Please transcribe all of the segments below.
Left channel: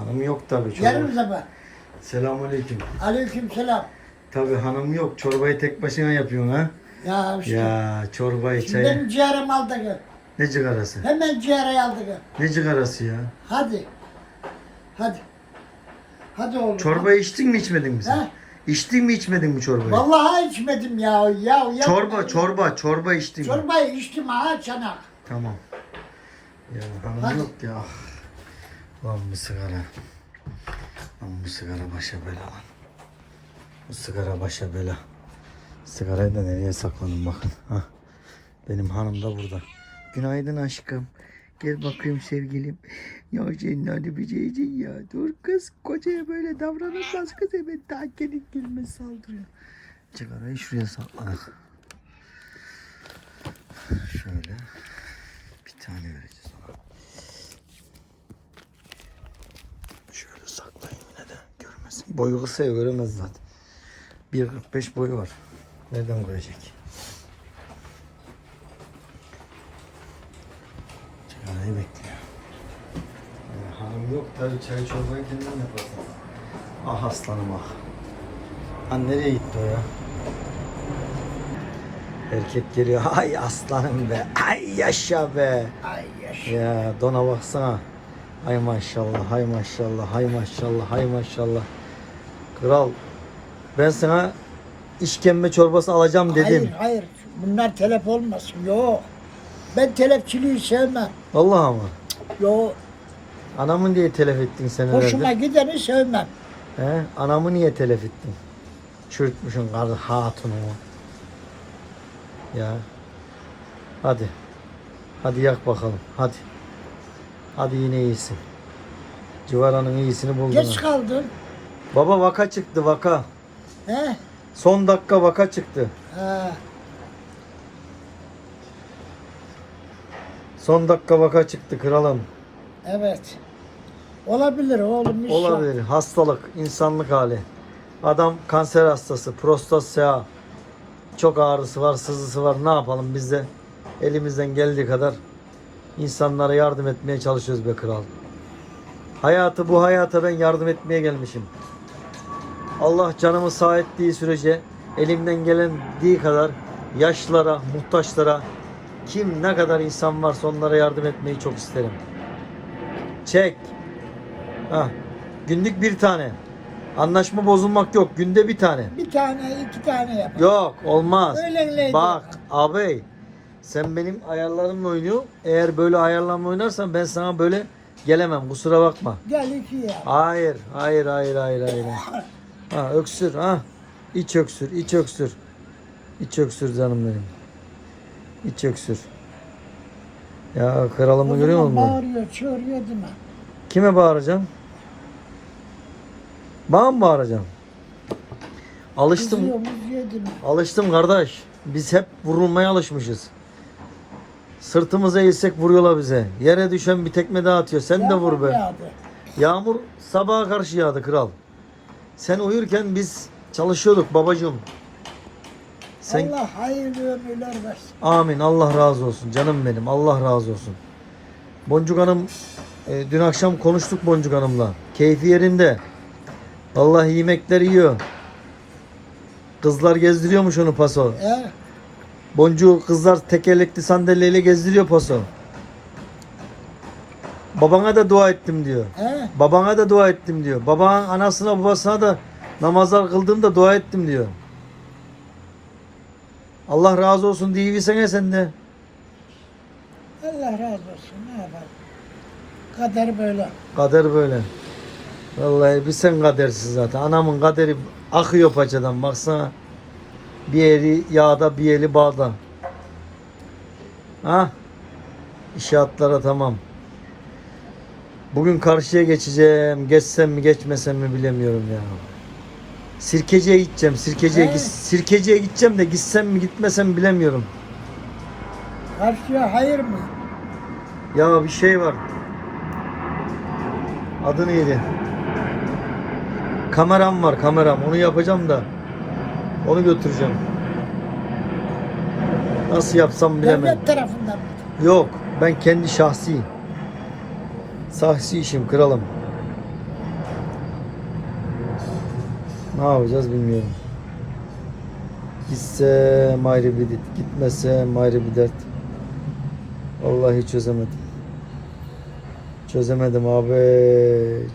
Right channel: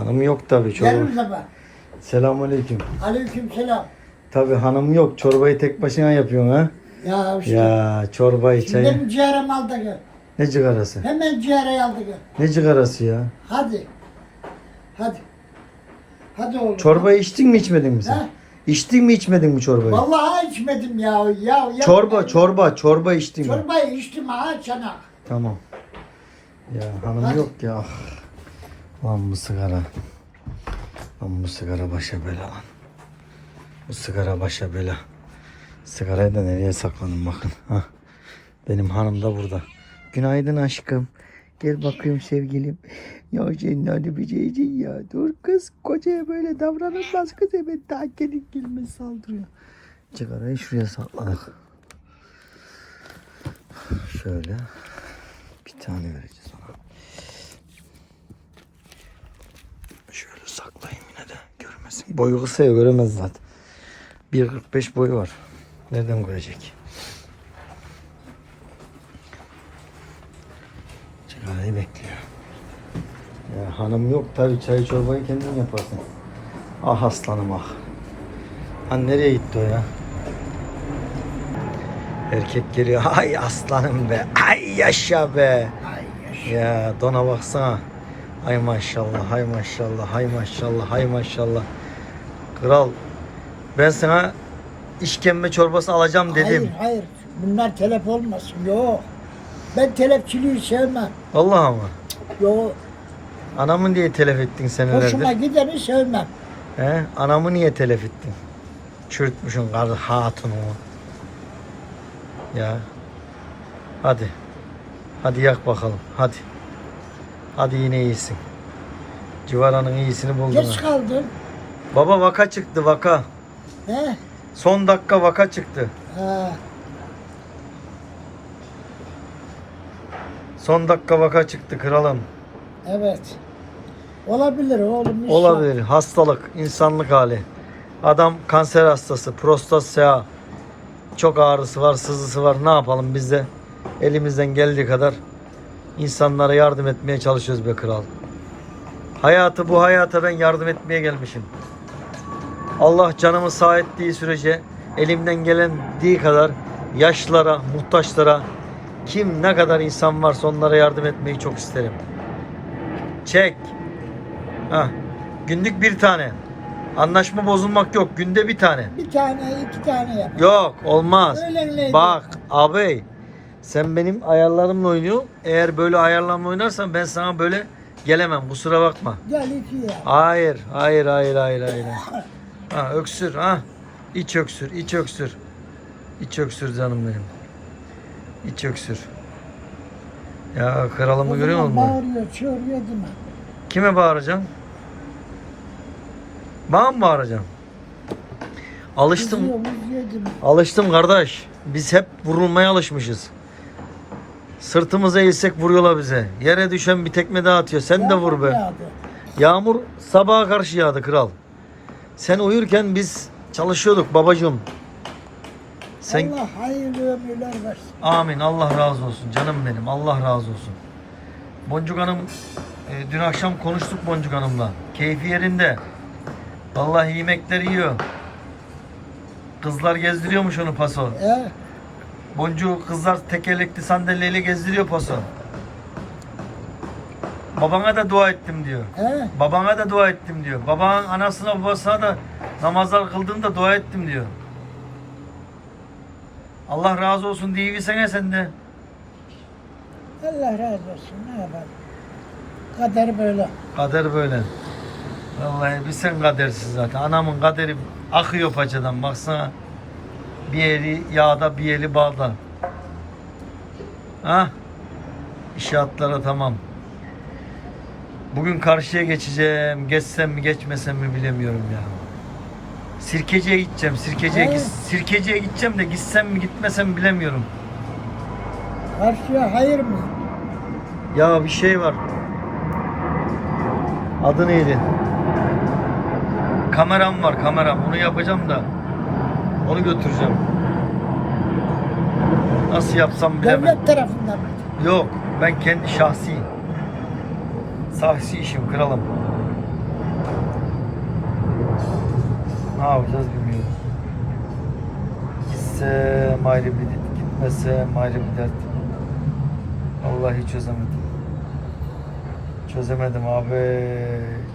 Hanım yok tabii Gel çorba. o zaman. Selamünaleyküm. Aleyküm selam. Tabii hanım yok. Çorbayı tek başına yapıyorsun ha. Ya işte. Ya çorbayı Şimdi çayı. benim ciğerim al da gel. Ne cigarası? Hemen ciğeri al da gel. Ne cigarası ya? Hadi. Hadi. Hadi oğlum. Çorbayı içtin mi içmedin mi sen? He? İçtin mi içmedin mi çorbayı? Vallahi içmedim ya. ya, ya Çorba, çorba, çorba içtin mi? Çorbayı içtim ha çanak. Tamam. Ya hanım Hadi. yok ya. Lan bu sigara. Lan bu sigara başa bela lan. Bu sigara başa bela. Sigarayı da nereye sakladım bakın. Hah. Benim hanım da burada. Günaydın aşkım. Gel bakayım sevgilim. Ya senin hadi bir şeycin ya. Dur kız kocaya böyle davranılmaz kız hemen daha gelin gelme saldırıyor. Sigarayı şuraya sakladık. Şöyle. Bir tane vereceğiz ona. Şöyle saklayayım yine de görmesin. Boyu kısa ya göremez zaten. 1.45 boyu var. Nereden görecek? Çayı bekliyor. Ya, hanım yok tabii çay çorbayı kendin yaparsın. Ah aslanım ah. Ha nereye gitti o ya? Erkek geliyor. Ay aslanım be. Ay yaşa be. Ay yaş. Ya dona baksana. Hay maşallah, hay maşallah, hay maşallah, hay maşallah. Kral, ben sana işkembe çorbası alacağım dedim. Hayır hayır. Bunlar telef olmasın. Yok. Ben telefçiliği sevmem. Vallahi ama. Yok. Anamı niye telef ettin senelerdir? Hoşuma gideni sevmem. He? Anamı niye telef ettin? Çürütmüşsün karı hatunu. Ya. Hadi. Hadi yak bakalım. Hadi. Hadi yine iyisin. Civaranın iyisini buldun. Geç ha. kaldın. Baba vaka çıktı vaka. He? Son dakika vaka çıktı. Ha. Son dakika vaka çıktı kralım. Evet. Olabilir oğlum. yok. Olabilir. Hastalık, insanlık hali. Adam kanser hastası, prostat SEA. Çok ağrısı var, sızısı var. Ne yapalım biz de elimizden geldiği kadar insanlara yardım etmeye çalışıyoruz be kral. Hayatı bu hayata ben yardım etmeye gelmişim. Allah canımı sağ ettiği sürece elimden gelendiği kadar yaşlılara, muhtaçlara kim ne kadar insan varsa onlara yardım etmeyi çok isterim. Çek. Ha. Günlük bir tane. Anlaşma bozulmak yok. Günde bir tane. Bir tane, iki tane yap. Yok olmaz. Öyle Bak abi sen benim ayarlarımla oynuyorsun. Eğer böyle ayarlarımla oynarsan ben sana böyle gelemem. Kusura bakma. Gel iki yap. Hayır, hayır, hayır, hayır, hayır. Ha öksür ha. İç öksür, iç öksür. İç öksür canım benim. İç öksür. Ya kralımı O görüyor musun? bağırıyor, çağırıyor mi? Kime bağıracaksın? Bana mı bağıracaksın? Alıştım. Kızıyor? Alıştım kardeş. Biz hep vurulmaya alışmışız. Sırtımıza eğilsek vuruyorlar bize. Yere düşen bir tekme daha atıyor. Sen de vur Yağmur be. yağdı. Yağmur sabaha karşı yağdı kral. Sen uyurken biz çalışıyorduk babacığım. Sen Allah hayırlı ömürler versin. amin Allah razı olsun canım benim. Allah razı olsun. Boncuk Hanım e, dün akşam konuştuk Boncuk Hanım'la. Keyfi yerinde. Vallahi yemekler yiyor. Kızlar gezdiriyormuş onu paso. He? Boncuğu kızlar tekerlekli sandalyeyle gezdiriyor paso. Babana da dua ettim diyor. He? Babana da dua ettim diyor. Babanın anasına babasına da namazlar kıldığımda dua ettim diyor. Allah razı olsun diyebilsene sen de. Allah razı olsun. Ne yapalım? Kader böyle. Kader böyle. Vallahi bir sen kadersiz zaten. Anamın kaderi akıyor paçadan baksana. Bir eli yağda bir eli bağda. Ha? İnşaatlara tamam. Bugün karşıya geçeceğim. Geçsem mi geçmesem mi bilemiyorum ya. Sirkeciye gideceğim. Sirkeciye, git- sirkeciye gideceğim de gitsem mi gitmesem mi bilemiyorum. Karşıya hayır mı? Ya bir şey var. Adı neydi? Kameram var kameram. Onu yapacağım da. Onu götüreceğim. Nasıl yapsam bilemem. Devlet tarafından mı? Yok. Ben kendi şahsi. Şahsi işim kralım. Ne yapacağız bilmiyorum. Gitse ayrı bir dert, gitmese ayrı bir dert. Vallahi çözemedim. Çözemedim abi,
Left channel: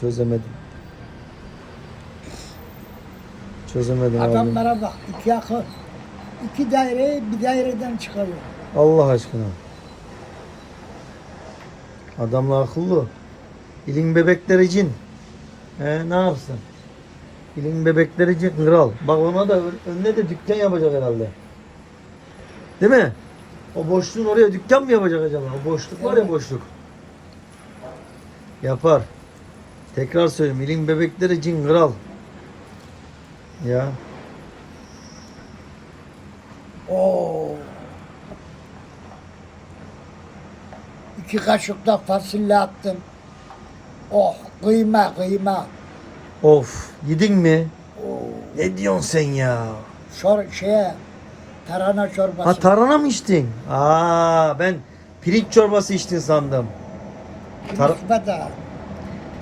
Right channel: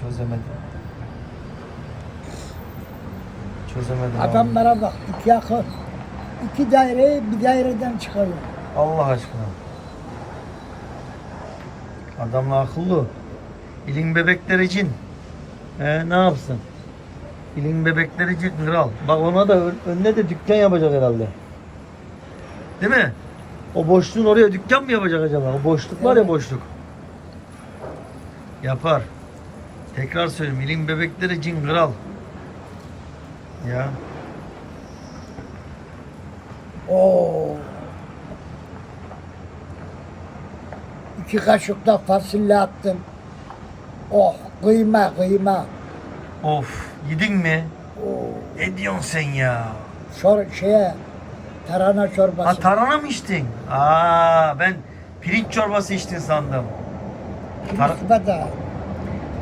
çözemedim. Çözemedim abi. Adamlara bak iki akıl. iki daire bir daireden çıkarıyor. Allah aşkına. Adamla akıllı. İlin bebekleri cin. He, ne yapsın? İlin bebekleri cin kral. Bak ona da ön- önüne de dükkan yapacak herhalde. Değil mi? O boşluğun oraya dükkan mı yapacak acaba? O boşluk var ya boşluk. Yapar. Tekrar söyleyeyim. İlin bebekleri cin kral. Ya. Oo. İki kaşık da fasulye attım. Oh kıyma kıyma. Of. Yedin mi? Oo. Ne diyorsun sen ya? Şor, şeye tarhana çorbası. Ha tarhana mı içtin? Aa ben pirinç çorbası içtin sandım. tar- Kilisme de.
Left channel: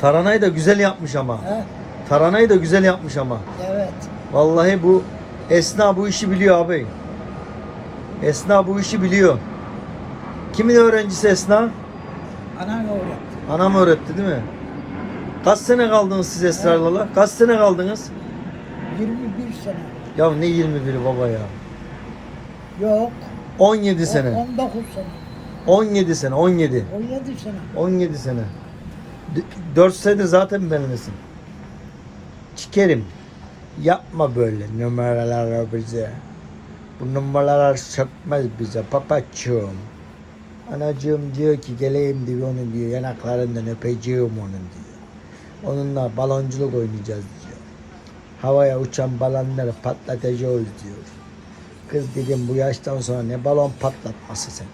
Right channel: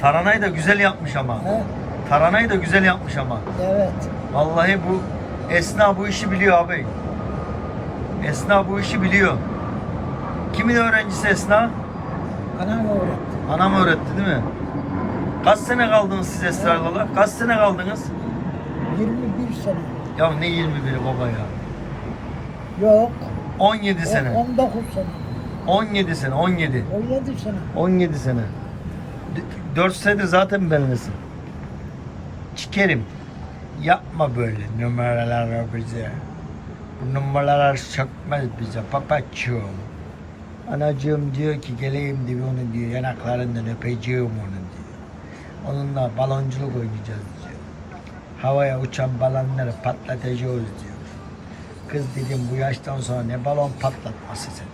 Tarhanayı da güzel yapmış ama. He? Tarhanayı da güzel yapmış ama. Evet. Vallahi bu Esna bu işi biliyor abi. Esna bu işi biliyor. Kimin öğrencisi Esna? Anan öğretti. Anam öğretti değil mi? Kaç sene kaldınız siz Esra'yla? Kaç sene kaldınız? 21 sene. Ya ne 21 baba ya? Yok. 17 on- sene. 19 sene. 17 sene, 17. 17 sene. 17 sene. 4 senedir zaten benimlesin. Çikerim. Yapma böyle numaralar bize. Bu numaralar sökmez bize papacığım. Anacığım diyor ki geleyim diyor onu diyor yanaklarından öpeceğim onun diyor. Onunla balonculuk oynayacağız diyor. Havaya uçan balonları patlatacağız diyor. Kız dedim bu yaştan sonra ne balon patlatması sen.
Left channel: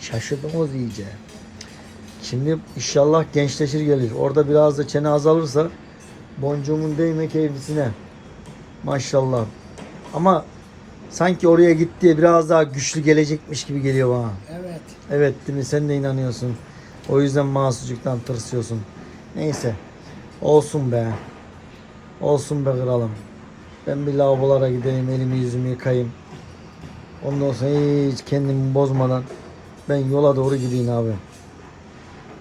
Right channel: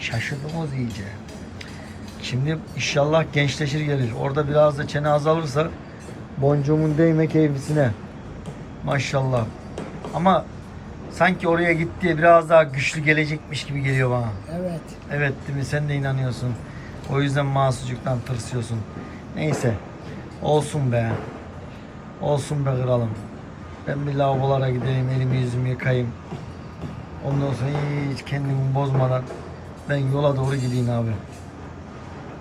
Şaşırdınız iyice. Şimdi inşallah gençleşir gelir. Orada biraz da çene azalırsa boncuğumun değme keyfisine. Maşallah. Ama sanki oraya gitti biraz daha güçlü gelecekmiş gibi geliyor bana. Evet. Evet değil mi? Sen de inanıyorsun. O yüzden mahsucuktan tırsıyorsun. Neyse. Olsun be. Olsun be kralım. Ben bir lavabolara gideyim, elimi yüzümü yıkayayım. Ondan sonra hiç kendimi bozmadan ben yola doğru gideyim abi.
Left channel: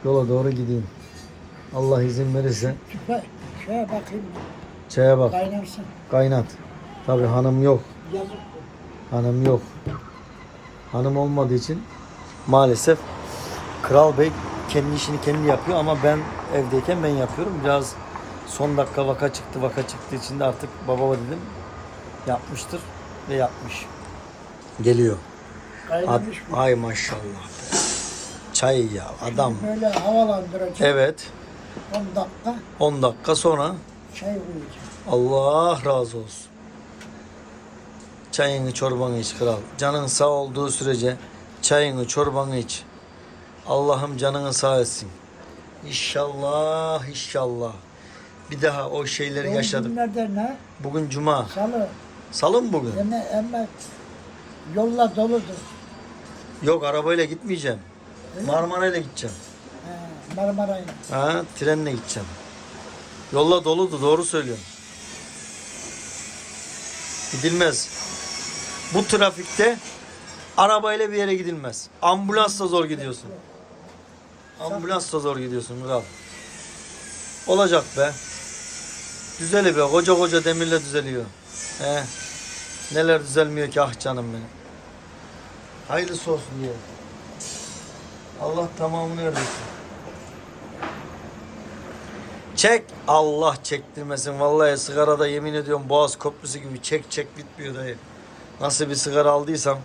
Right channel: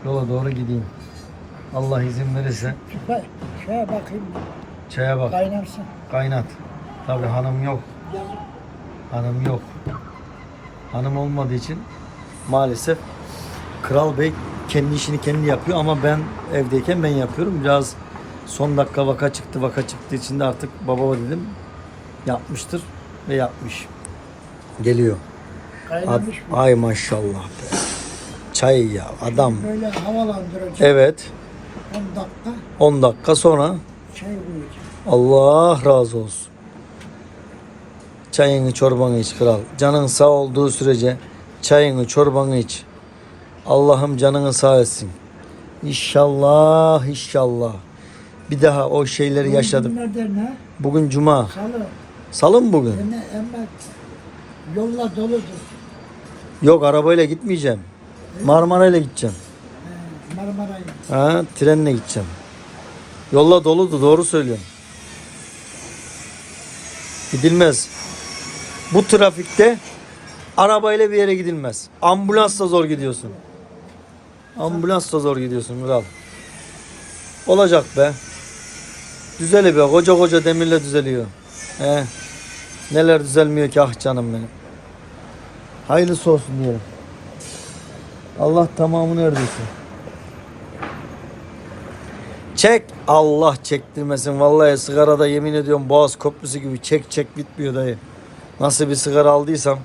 Yola doğru gideyim. Allah izin verirse Tüfe, şeye bakayım. çaya bak, Kaynarsın. kaynat. Tabii hanım yok. Yazık. Hanım yok. Hanım olmadığı için maalesef Kral Bey kendi işini kendi yapıyor ama ben evdeyken ben yapıyorum. Biraz son dakika vaka çıktı. Vaka çıktığı için de artık baba dedim yapmıştır ve yapmış. Geliyor. Ad- mı? Ay maşallah be. Çay ya adam. Böyle havalandıracak. Evet 10 dakika 10 dakika sonra çay koyacak. Allah razı olsun. Çayını çorbanı iç kral. Canın sağ olduğu sürece çayını çorbanı iç. Allah'ım canını sağ etsin. İnşallah inşallah. Bir daha o şeyleri yaşadık. Günlerdir ne? Bugün cuma. Salı. Salı mı bugün? Eme, eme yolla doludur. Yok arabayla gitmeyeceğim. Marmarayla gideceğim. He. Ha, trenle gideceğim. Yolla doludu doğru söylüyorsun. Gidilmez. Bu trafikte arabayla bir yere gidilmez. Ambulansla zor gidiyorsun. Ambulansla zor gidiyorsun kral. Olacak be. Düzeli be. Koca koca demirle düzeliyor. He. Neler düzelmiyor ki ah canım benim. Hayırlısı olsun diyorum. Allah tamamını ördürsün. Çek. Allah çektirmesin. Vallahi sigarada yemin ediyorum Boğaz Köprüsü gibi çek çek bitmiyor dayı. Nasıl bir sigara aldıysam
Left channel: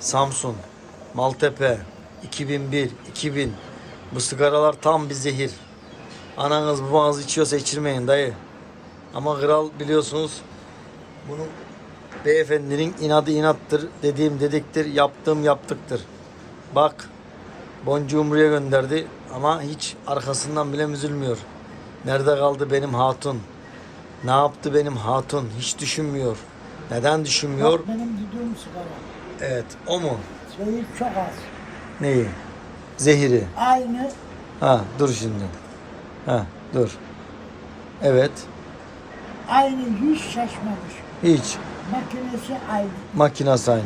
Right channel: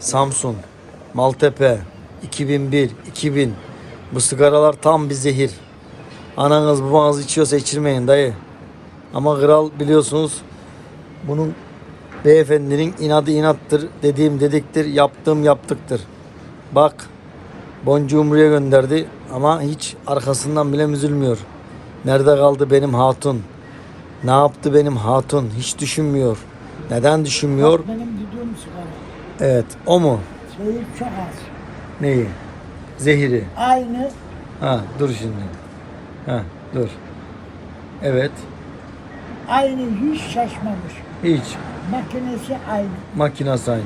Samsun, Maltepe, 2001, 2000 bu sigaralar tam bir zehir. Ananız babanız içiyorsa içirmeyin dayı. Ama kral biliyorsunuz bunun beyefendinin inadı inattır, dediğim dediktir, yaptığım yaptıktır. Bak boncuğu buraya gönderdi ama hiç arkasından bile üzülmüyor. Nerede kaldı benim hatun? Ne yaptı benim hatun? Hiç düşünmüyor. Neden düşünmüyor? Bak benim düdüğüm sigara. Evet, o mu? Zehir çok az. Neyi? Zehiri. Aynı Ha, dur şimdi. Ha, dur. Evet. aynı hiç şaşmamış. Hiç. Makinesi aynı. Makinası aynı.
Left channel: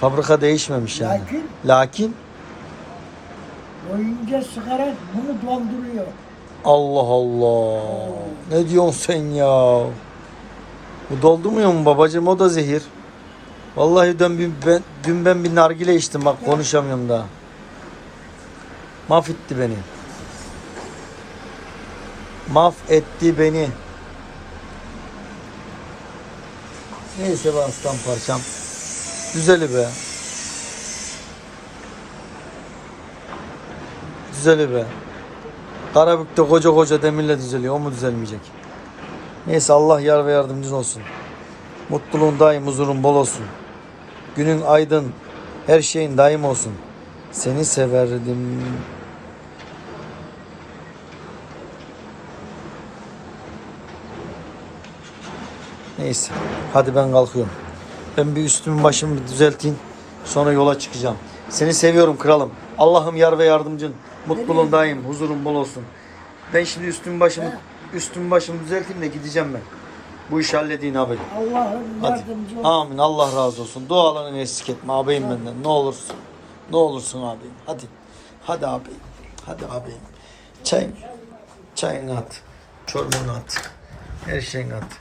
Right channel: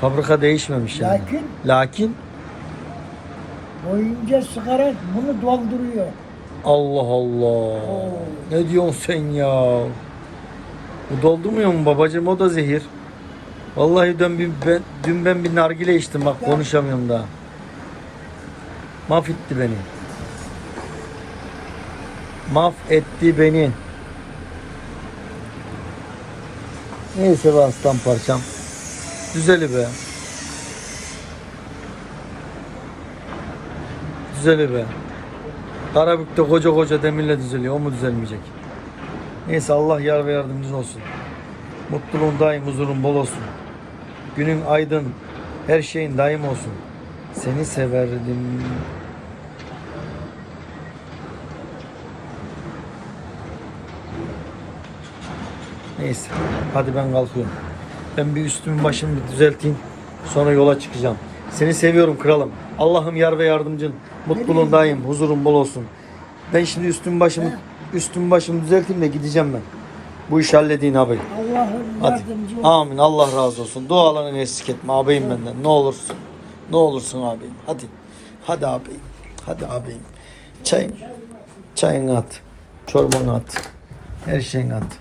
Fabrika değişmemiş yani. Lakin- Lakin Boyunca sigara bunu dolduruyor. Allah Allah. Ne diyorsun sen ya? Bu doldurmuyor mu babacığım? O da zehir. Vallahi dün, bir- ben, dün ben bir nargile içtim bak konuşamıyorum daha. Mahvetti beni. Mahvetti beni. Neyse be aslan parçam. Düzeli be. Düzeli be. Karabük'te koca koca demirle düzeliyor. O mu düzelmeyecek? Neyse Allah yar ve yardımcın olsun. Mutluluğun daim, huzurun bol olsun. Günün aydın, her şeyin daim olsun. Seni severdim. Neyse. Hadi ben kalkıyorum. Ben bir üstümü başımı bir düzelteyim. Sonra yola çıkacağım. Seni seviyorum kralım. Allah'ım yar ve yardımcın. Mutluluğun daim, huzurun bol olsun. Ben şimdi üstümü başımı üstümü başımı düzelteyim de gideceğim ben. Bu işi halledin abi. Allah'ım yardımcı ol. Amin. Allah razı olsun. Dualarını eksik etme ağabeyim benden. Ne olursun. Ne olursun ağabeyim. Hadi. Hadi ağabeyim. Hadi ağabeyim. Çayın. Çayını at. Çorbanı at. Her şeyini at.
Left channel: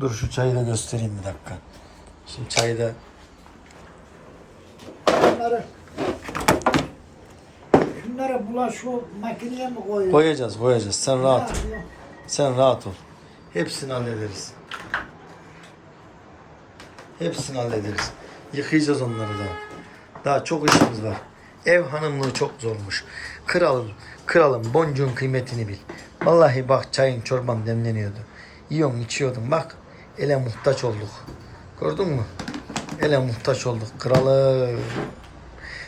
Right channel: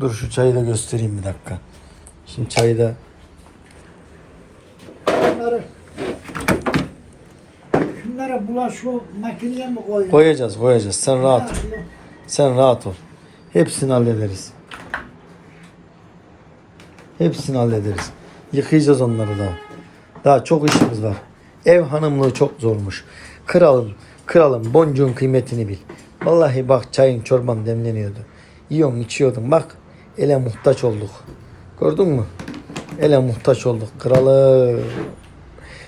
Dur şu çayı da göstereyim bir dakika. Şimdi çayı da Şunları, şunları bulaş o makineye mi koyuyor? koyacağız koyacağız. Sen rahat. ol. Sen rahat ol. Hepsini hallederiz. Hepsini hallederiz. Yıkayacağız onları da. Daha çok işimiz var. Ev hanımlığı çok zormuş. Kralım, kralım boncuğun kıymetini bil. Vallahi bak çayın çorban demleniyordu. Yiyorsun içiyordun bak. Ele muhtaç olduk. Gördün mü? Ele muhtaç olduk. Kralım.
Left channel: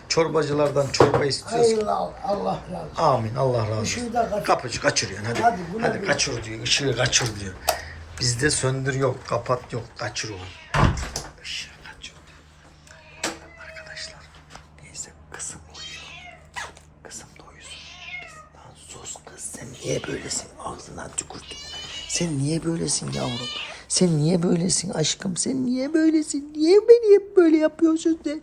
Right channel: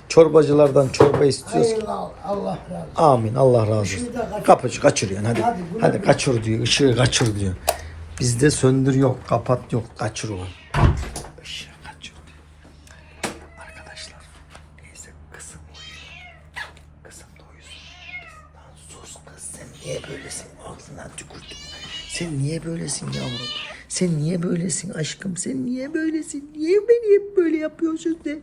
Çorbacılardan çorba istiyoruz. Hayırlı al, Allah razı olsun. Amin. Allah razı olsun. Da kaç- Kapıcı kaçırıyorsun hadi. Hadi, Hadi kaçır diyor. Işığı kaçır diyor. Bizde söndür yok, kapat yok, kaçır ulan. Niye böylesin? Ağzına tükürdüm. Sen niye böylesin yavrum? Sen niye böylesin aşkım? Sen niye böylesin? Niye beni hep böyle yapıyorsun sen?